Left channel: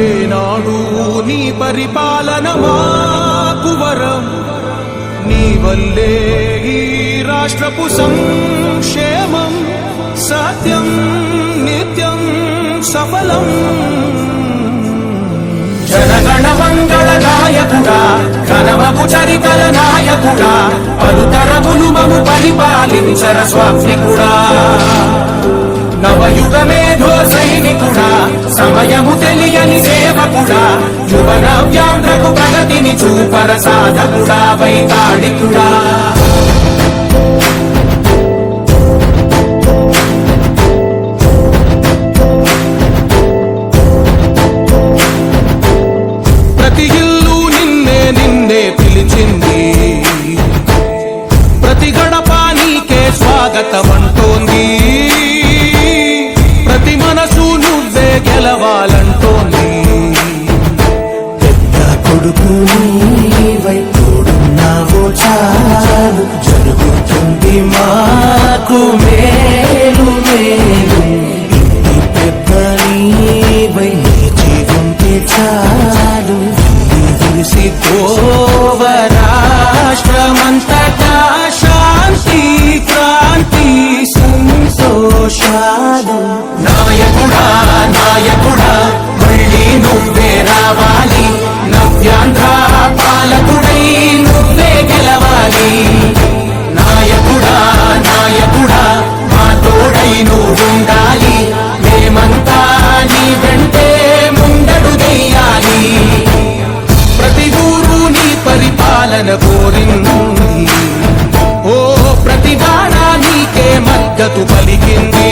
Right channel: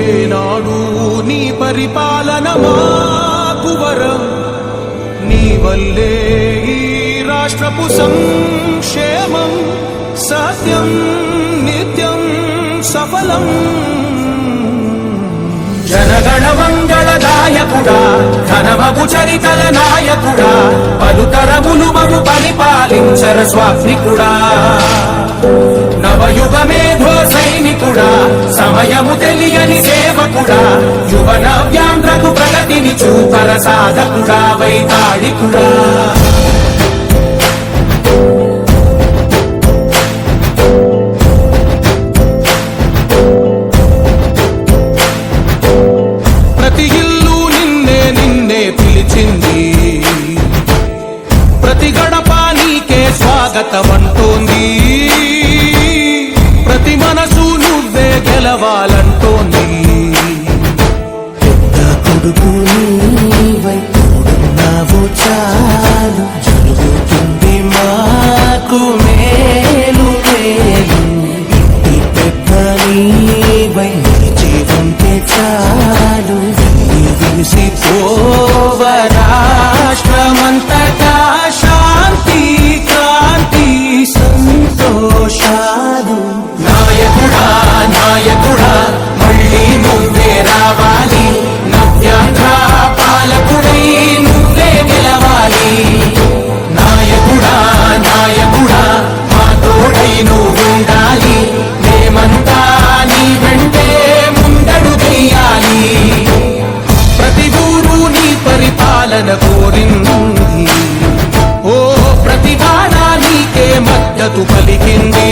ఏనాడు నీ పరిపాలన మాకు వరం, నీ వల్లే ఈ రాష్ట్రపు సంక్షేమం సత్యం నిత్యం సఫలం. జనగణ మంగళదాయకుడా, ఘనమపు చరితల నాయకుడా, పలుతరములు మము పరిపాలించర స్వామికుడా. నవయుగ మేధో సైనికుడా, సమయము తెలియని సేవకుడా, యువ నవ్యాంధ్రకు ప్రగతిని చూపర సాధకుడా, వైతాళికుడా. ప్రతి ఇల్లు నిన్నే నిన్నే పిలిచింది, ప్రతి గడప నీకే స్వాగతమంటోంది, ప్రతి మనసు నువ్వే గెలవాలంటోంది. పెద్ద కొడుకు నీవై తోడున్నావో చాలు, జరుగుతుంది మాకు మేలు మేలు. ఇంటి పెద్ద నీవై నిలిచి ఉంటే చాలు, విలిసి పోవ రాష్ట్రమంతటా శాంతి క్రాంతి సంతోషాలు. నాయకుడా నాయకుడా మళ్ళీ నువ్వే రావాలి, నవ్యాంధ్ర పాలకుడై నువ్వే గెలవాలి. నాయకుడా నాయకుడా మా తోడై నువ్వుండాలి, మేమంతా నీ వెంటే ముందడుగెయ్యాలి. ప్రతి ఊరు నీ పరిపాలన కోరింది, ఓ ప్రతి వాడ నీకే మద్దతు పలికింది.